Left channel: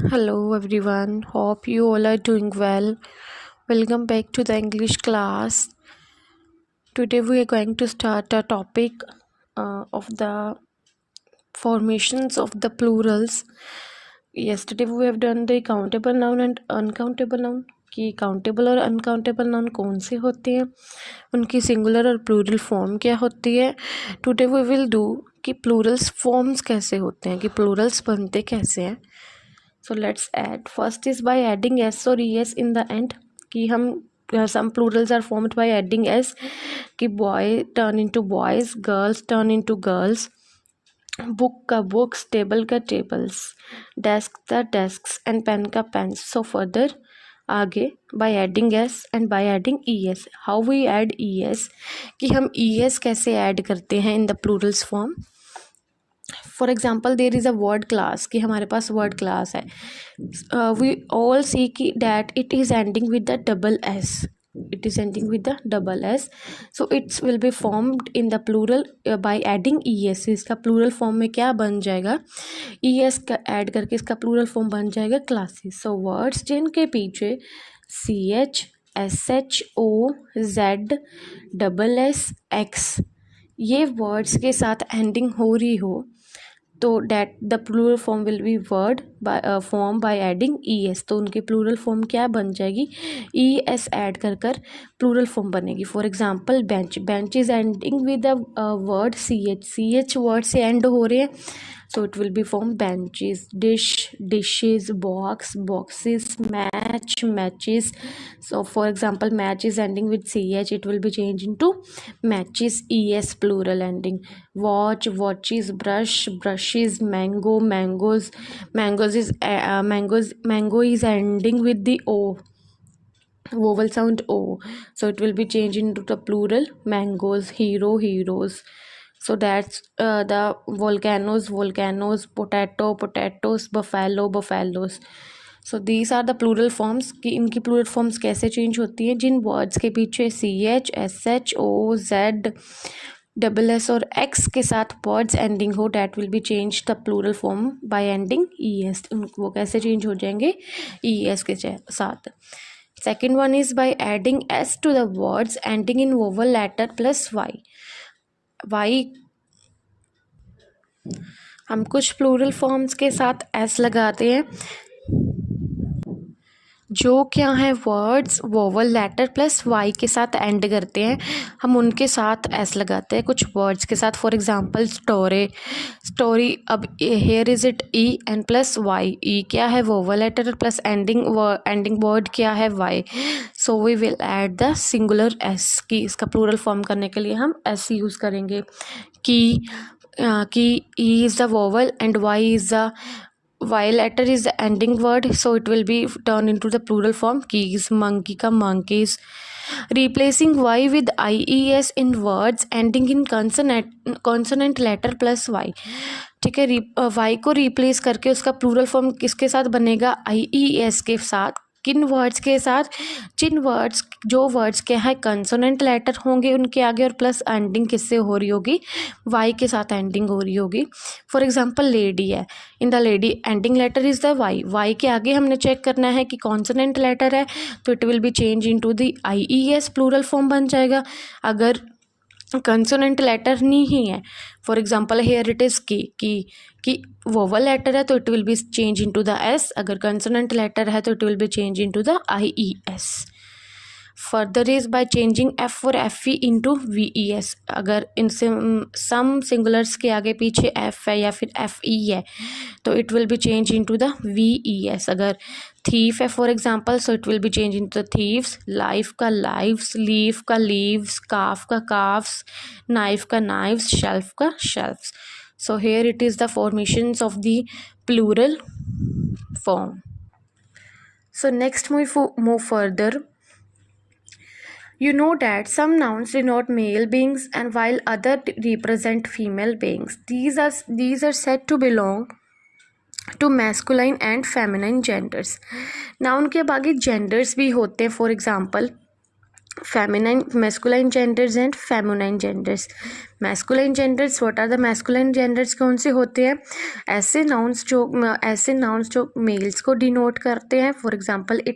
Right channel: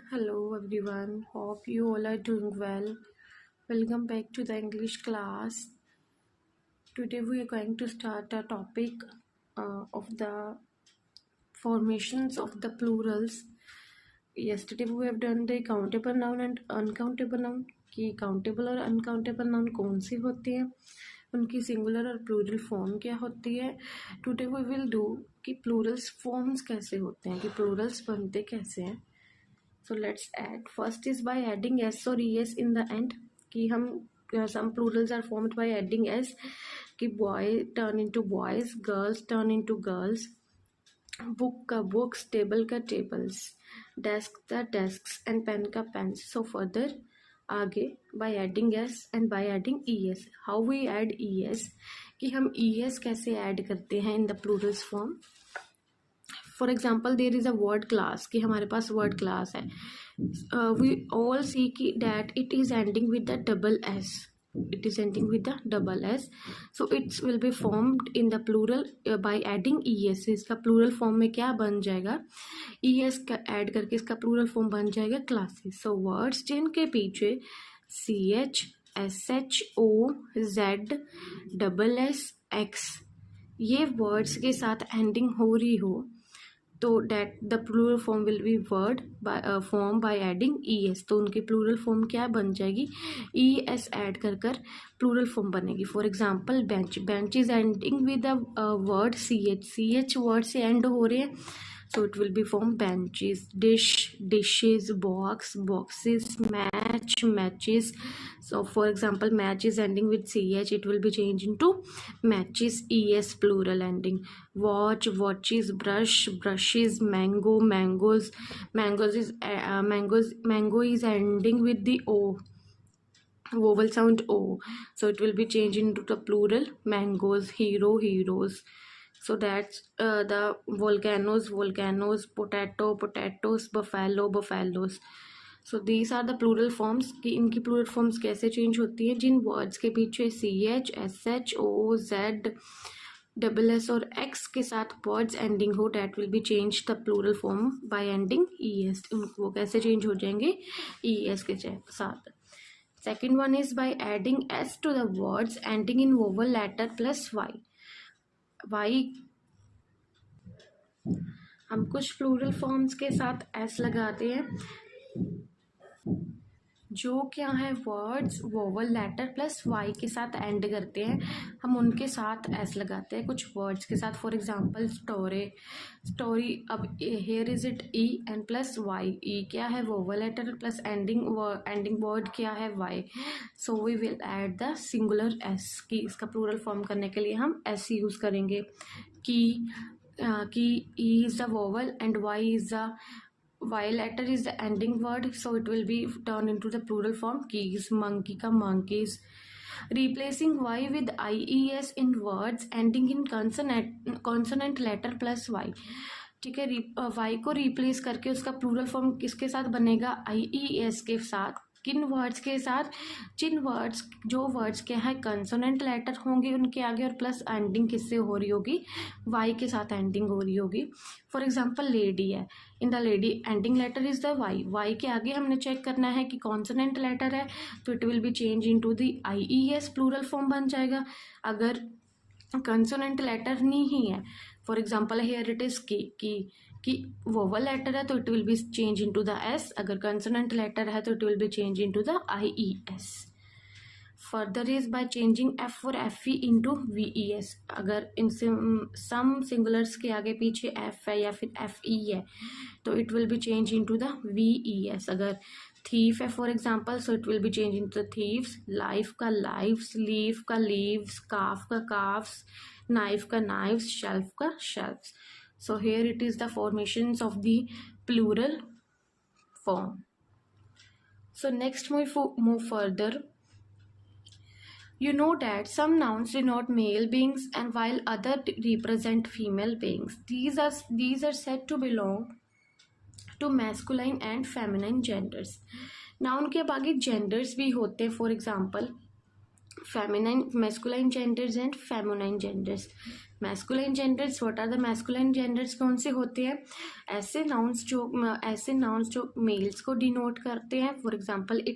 Hello everyone, hope you all are doing well. Welcome back to the English class. Today we are going to start a topic of the formations of the plurals. Yesterday we have done the countable noun and uncountable noun कि countable और uncountable noun कौन से होते हैं, उनकी singular और plural form क्या होती है. टुडे वी विल डू कि प्लूरल्स फॉर्म्स कैसे होते हैं, कि प्लूरल्स बनते कैसे हैं. So let's add. First is by adding s or es in the end. कि हम some plurals are formed by adding s. कि boy turn into boys, girls turn into girls, book का books, table का tables, desk का desks and pen का pens. So further आगे by adding s and by adding es. How we add es, कि हम es कैसे add करते हैं in the plurals form. For example there is a word class, कि हमारे पास वर्ड क्लास है. वी ऑल सी कि that it is ending with the double S. It is ending with the double S. So it's will be formed in the plural by adding E S. इसका plural form में क्या बन जाएगा, E S का add करके इसका plural form बन जाएगा क्लासेस. सो वर्ड्स जिनके पीछे C H S H O Z double S X ये वर्ड्स के साथ एंडिंग हो रही हो, तो that the plural form will be word form by adding E S. तो उनकी प्लूरल फॉर्म क्या बन जाएगी, ई एस ऐड कर कर प्लूरल फॉर्म बनेगी. For example bench, bench is ending with the word C H word से end हो रहे हैं, so it will be form benches, dish, dishes, box, boxes, match, matches. So for example match is ending with ch, it will be changed into matches, es plural ending. Watch, watches, brush, brushes, mango, mangoes, mangoes is mango is ending with the o, vowel sound o, so it will be changed into the plural mangoes. Hero, heroes. So that's the volcanoes, potatoes, buffalo, buffaloes. So these are the plural forms. कि इनकी plural forms कैसे change होती हैं, जिन words के पीछे C H S H O Z double S और X के साथ वर्ड्स एंडिंग हो, that will be change the plural form by ending E S. वो कैसे चेंज हो जाएंगे, ई एस के साथ. Second one is by adding S to the words ending in vowel letter plus Y. Y हम कुछ plural forms के साथ एस लगाते हैं जो क्या है words vowel letter plus Y के साथ एंड करते हैं, हम उनके साथ एस लगाते हैं कुछ वर्ड्स के साथ. For example story. अब here is it E and plus Y. E क्या है vowel letter plus ending word क्या है Y. So we will add the singular S. की इसका प्लूरल फॉर्म करने के लिए हम एस यूज़ करेंगे. की E is the vowel and Y is the Y letter is the ending word, so it will be turned into the plural form keys. Monkey ka monkeys. Replacing Y with IES in words ending in consonant letter plus Y. ठीक है, Y को replace करके उसका plural form किसके साथ बनेगा, IES के साथ. किन वर्ड्स के साथ, जिन वर्ड्स जो वर्ड्स के हैं कंसोनेंट लेटर होंगे उनके आगे और प्लस एंडिंग किससे हो रही होगी, वाई के साथ एंडिंग हो रही होगी. फॉर एग्जांपल लेडी है, in the lady ending letter is the Y. Y के आगे हमने चेक करना है कि कॉन्सोनेंट लेटर है, तो it will be change into the IES, plural form बन जाएगा. अगर कंसोनेंट लेटर नहीं है, for example here it is की वोवल लेटर है, तो it will be change into the S. अगर कंसोनेंट लेटर है तो it will be change into the IES. Further is by changing F और एफ ई इंटू VES. अगर इनसे सम singulars के आगे पीछे एफ है या फिर FE है, तो it will be change into the VES. अगर थीफ है for example, so it will be change into the thieves. Life का लाइव्स, लीफ का लीव्स, काफ का काफ्स, नाइफ का नाइफ्स, शेल्फ का shelves. So here it is the formations of the plural form. So next we move further. You know that some nouns denote male beings and while other represent female beings. These are said to belong to masculine and feminine genders. Noun के बाकी genders भी होते हैं. For example feminine masculine genders and feminine genders. Masculine genders, what are the masculine genders, कौन से होते हैं? ऐसे नाउन्स जो मेल्स को डिनोट करते हैं। For example it